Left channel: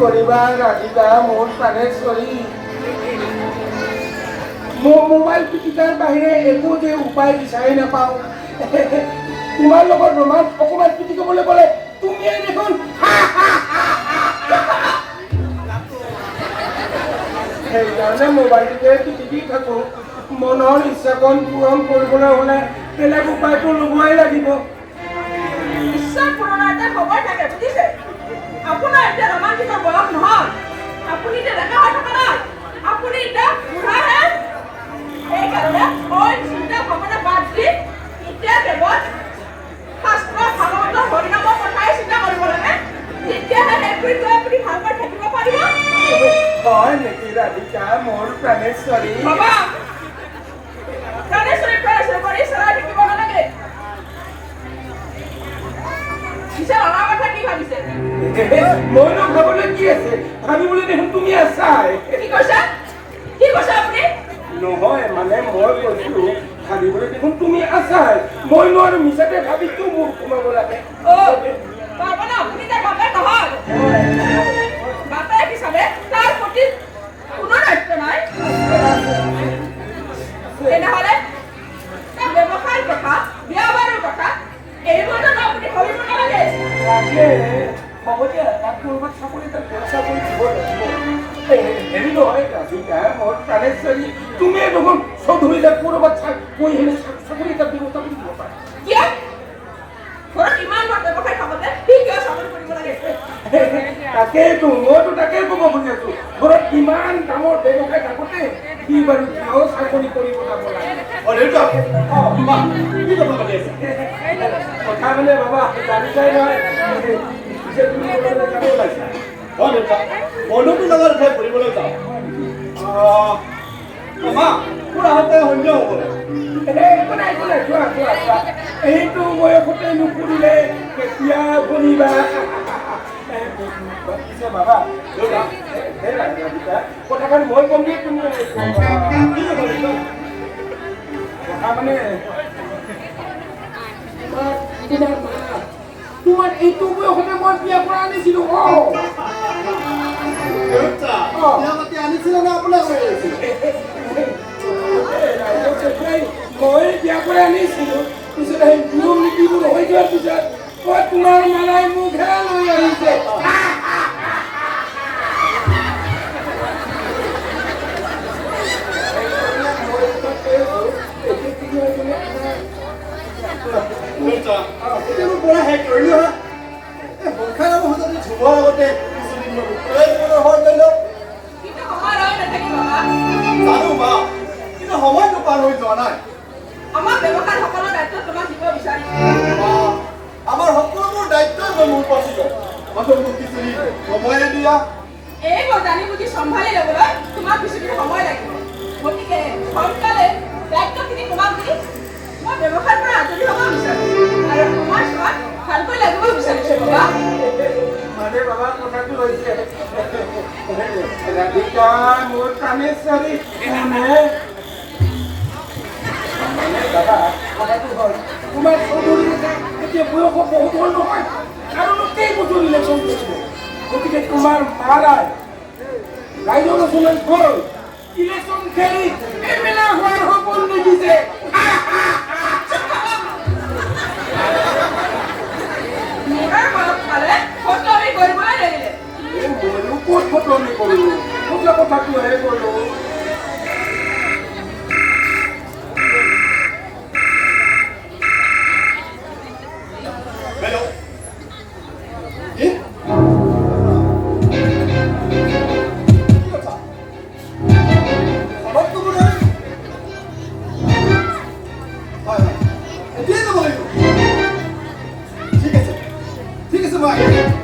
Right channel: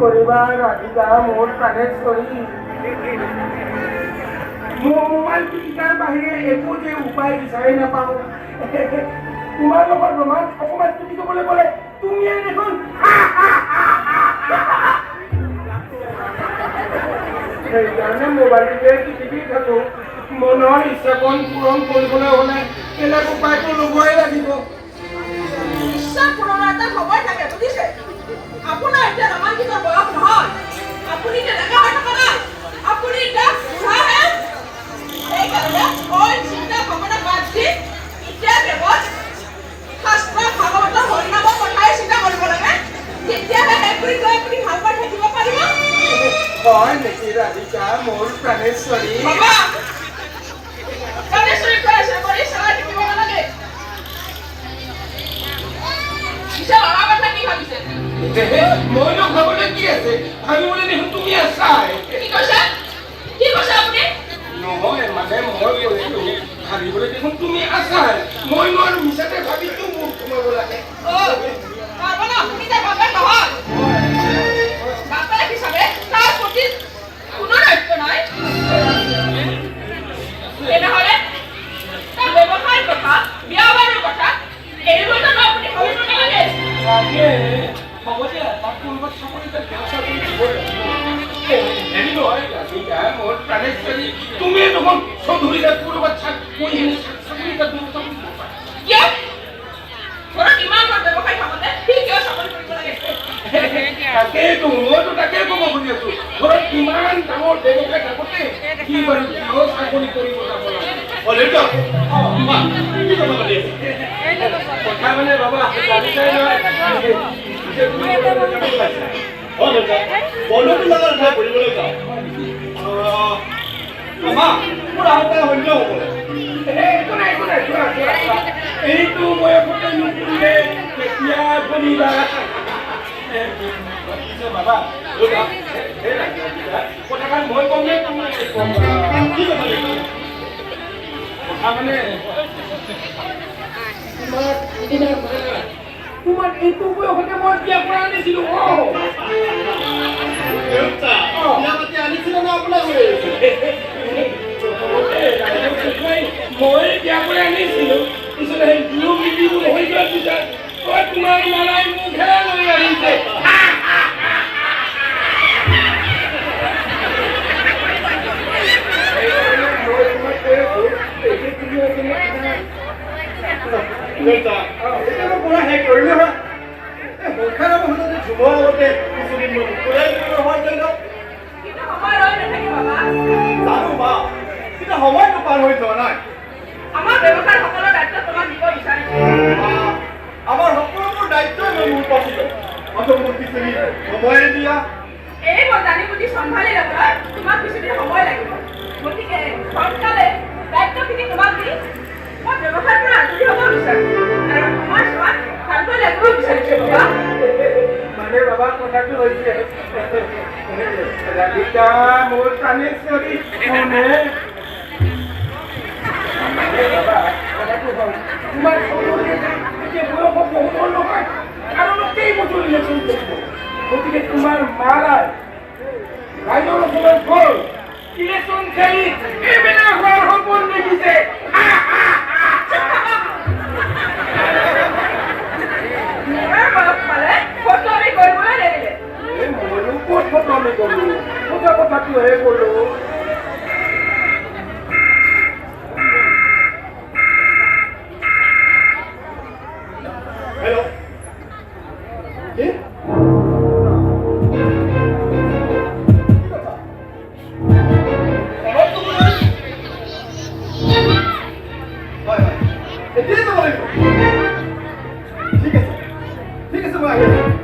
কৰিবা ৰাধিকা মোৰ প্ৰাণেশ্বৰী মোৰ মোবাইল পিটিকাৰ বাহিৰে একো যে উপায় বিচাৰি নাপাওঁ তোমাৰ লগত ৰোমাঞ্চ অকণমান পিটিকিবলৈ গ'লে তুমিয়ে দেখোন সেইকাৰণে মোবাইলটোকে পিটিকি থাকোঁ মনৰ ইচ্ছাকণ পূৰণ কৰিবলৈ হ'লে বেলেগ উপায়টো ল'বই লাগিব ইচ্ছা পূৰণৰ এটা সময় থাকে বুজিছে আপোনাৰ এতিয়া ৰোমাঞ্চিকৰ বয়স নহয় আপুনি এতিয়া ডেকা হৈ থকা নাই আপুনি এতিয়া বুঢ়াহে সেইকাৰণে মই চিন্তা ভাৱনা বাদ দি এতিয়া কেৱল শাস্ত্ৰ ভাগৱতৰ হৰিনামৰ কথাই চিন্তা কৰিব লাগে তেতিয়াহে সেইবোৰ লৈ আপুনি ভাল পাই থাকিব পাৰিব হয় নেকি ৰাধিকা মোৰ প্ৰাণেশ্বৰী বাবা প্ৰাণেশ্বৰী কৰি চলাই থাকিব নালাগে পিছে আমাৰ কথা কি ভাবিছে মইনো ভাবলৈ কি আছে ভাবিবলৈ দেখোন তুমি আছাই কি কৈছে আপুনি নহয় মানে মই কৈছোঁ ভাবিবলৈ দেখোন তুমি আছাই মইনো আৰু মিছাতে ভাবি কিয় মোক সোমাব লাগে তাৰমানে আপুনি তাৰ বাপেক নহয় বাপেক হিচাপে তাৰ প্ৰতি কোনো দায়িত্ব নাই তেনেহ'লে তাৰ ব্যৱসায়ৰ কথা বিয়া বাৰুৰ কথা এইবোৰ জানো আপুনি ভাবিব নালাগে হ'ব দিয়া তাক কৰিব চাকৰি দিব হেৰি নহয় ৰাধিকা মোৰ প্ৰাণেশ্বৰী তুমিয়ে দেখোন চৌধুৰীলে ক'ৰবাত চাকৰি দিব কিয় ঘৰত ইমান ব্যৱসায় থাকোঁতে সি কিয় চাকৰি কৰিব লাগে তাকেইতো মইতো তাকে ক'ব খুজি আছো ঘৰত ইমান ডাঙৰ ব্যৱসায় থাকোঁতে কি বাৰু কিয় চাকৰি কৰিব যাব লাগে কথা মানে বাবা জানিছাই নহয় বন্ধুটো লগত ঘূৰিবলৈ যাওঁ মোৰ আহোঁতে সন্ধিয়া হ'বলৈ এইটো বয়সতে নুপুৰিলে কেতিয়া ফুৰিবা বাবা কথাষাৰ মই কম নে কথা মানে তোমাৰ এইটো বয়সতে মই বিয়া কৰা আনিছিলো আনিছিলে না আপোনাক মই বিয়া কৰি আনিছিলো পিছত সেই নিয়ম নীতিবোৰ হৈ যোৱাৰ পিছত তোমাৰ মালাই মুখে লৈ আহিছে সময়টো পাৰ হৈ যোৱা নাই আমাৰ ব্যৱসায় সকলো দায়িত্ব তোমাক দিব বিচাৰিছো আমাৰ সকলোবোৰ দায়িত্বই মোৰ পাতিব মোক কিছুদিন সময়ে দিয়া এইবোৰ জানি বুজি চম্ভালি ল'বলৈ তোমাক কিছুদিন সময় লাগিব গতিকে সোনকালে দায়িত্বখিনি তোমাক দি মই ব্যৱসায়ৰ পৰা আজৰি হ'ব বিচাৰিছো আৰু সময় চোৱাত ভালকৈ লাগিব বিচাৰিছো বাবা মানে বাবা কথাটো হৈছে ৰাধিকা মোৰ প্ৰাণেশ্বৰী তোমাৰ চৌধুৰী এতিয়া বয়স বহুত হ'ল নহয় আৰু কেইবছৰ ইলেকশ্যন কৰিব গতিকে তোমাৰ মাৰাই ৰাইজৰ ওচৰত গৈ ইলেকশ্যন খেলি এমেলা হোৱাৰ সপোন দেখিছে ময়ো ক'ত ফটোৱামি কৰিলোঁ সঁচা কথাটোহে কৰিলোঁ ঠিক আছে মই আহিছোঁ